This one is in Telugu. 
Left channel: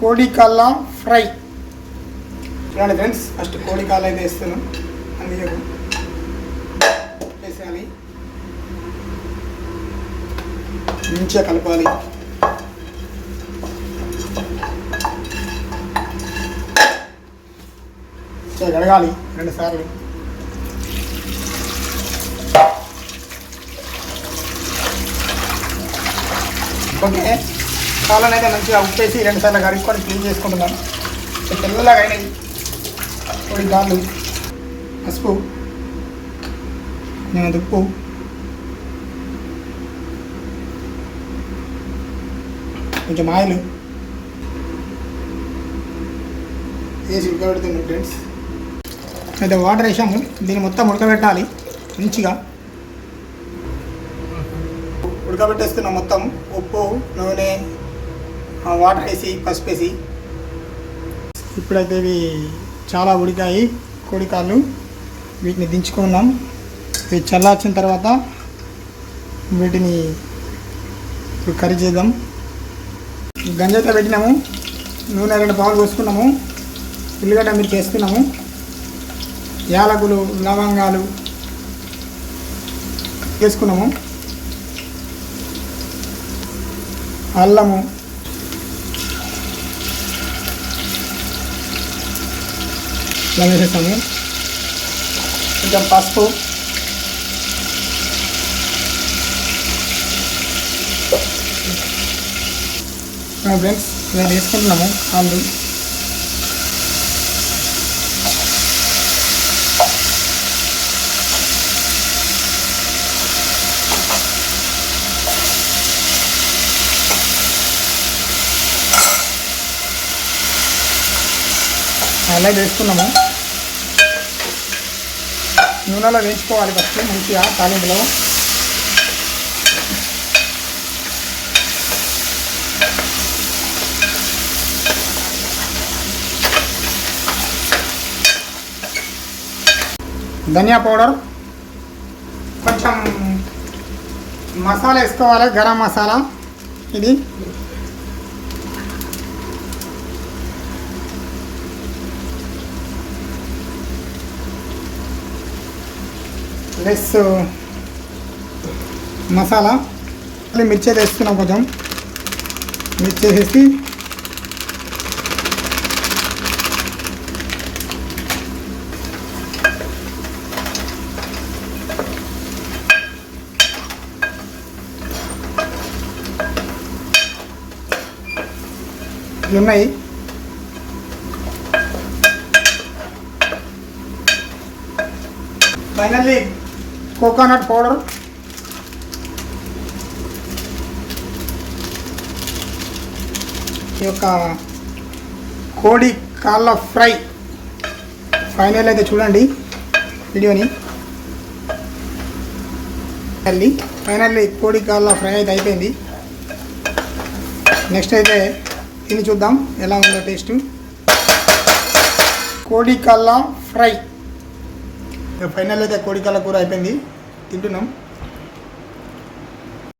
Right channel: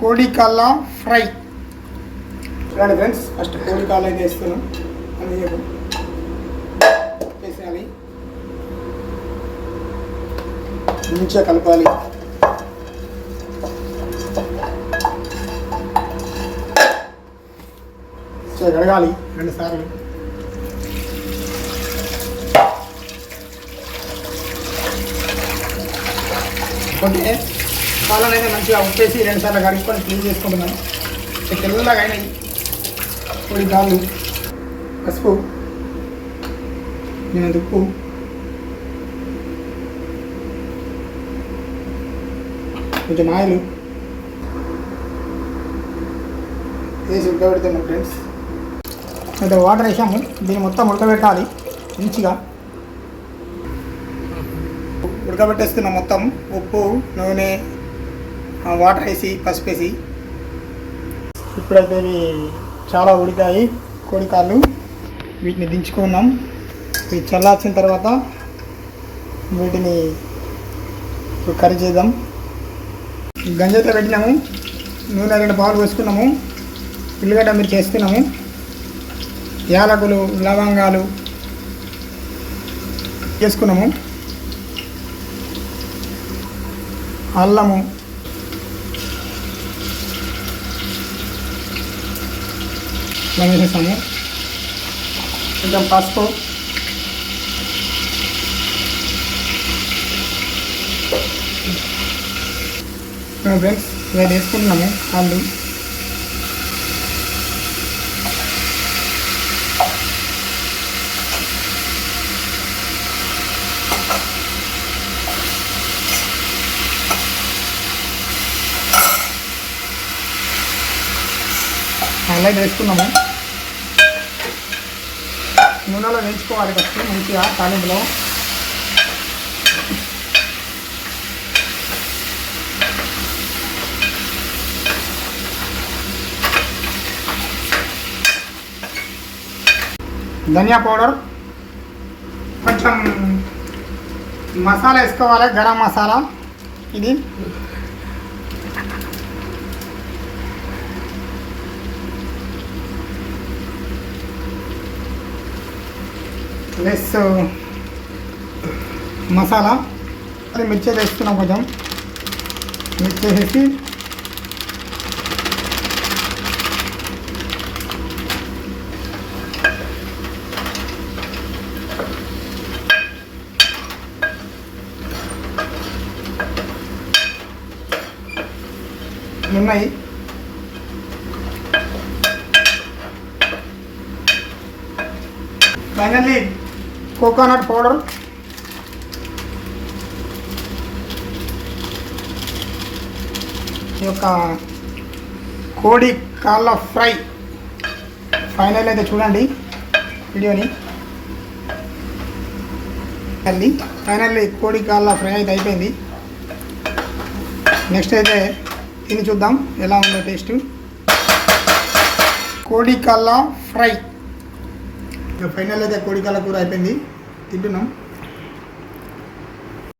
కోడి కాళ్ళ ఫ్రై చూడండి ఫ్రెండ్స్. ఫస్ట్ కోడి కాళ్ళ అయితే వేస్తున్నాం. అందుకు వేసేయాలి, మంచిగా కలపాలి. కడగాలి 2 సార్లు. కొన్ని కాళ్ళనైతే మంచిగా ఉప్పేసి 2 సార్లు కడుక్కొని క్లీన్ చేసుకుంటున్నాం. తెల్లలాగా అయినాయి కోడి కాళ్ళు. పసుపు, ఉప్పు, కొంచెం ఆయిల్ వేసి ఉడకబెడుతున్నాం ఫ్రెండ్స్. అయితే వాటర్ వేసాము. దీన్ని మొత్తం ఉడకబెట్టాలి మంచిగా. ఉడకబెట్టేస్తున్నాం మొత్తం. ఉప్పు, నూనె, వాటర్ వేసి, పసుపు వేసి. ఇప్పుడైతే ఇవి చాలా ఉడికాయి కోడికాళ్ళు. వీటిని దించుకున్నాం. ఇవి చల్లార్చిన తర్వాత వీటిని ఇప్పుడు కర్రీ చేద్దాం. గంజైతే పెట్టినాము. నూనె 2 పావులు పోసుకున్నాము. ఉల్లిగడ్డ మీరు చేస్తున్నాము. యాలకులు, లవంగాలు వేసుకున్నాము. అల్లము, ఇలా వేసేసాము. కొంచెం పసుపు, ఫ్రెండ్స్ ఇలా వేసుకుంటున్నాము. కాళ్ళు అలా వేసుకున్నాము. నూనెలో వేసుకోవాలి ఫస్ట్ మంచిగా తాలింపులో. ధనియా పౌడర్, కొంచెం మసాలా వేసుకోవాలి. గరం మసాలా ఇది. లెస్ మసాలా. మిర్చి వేస్తున్నాం. కొంచెం మిర్చి వేసేసి ఉన్నాయి. Finally coconut powder. ఈ యొక్క కోడి కాళ్ళ ఫ్రై ఫైనల్ అయితే చూడండి వీడియోని. ఫైనల్లీ కోడి కాళ్ళ ఫ్రై అయితే అయిపోయింది. నెక్స్ట్ అయితే తిని చూద్దాం ఎలా ఉందో టేస్ట్. కోడి కాళ్ళ ఫ్రై ఫైనల్ అయితే కోడి కాళ్ళ కూర అయిపోయింది. తింటున్నాం.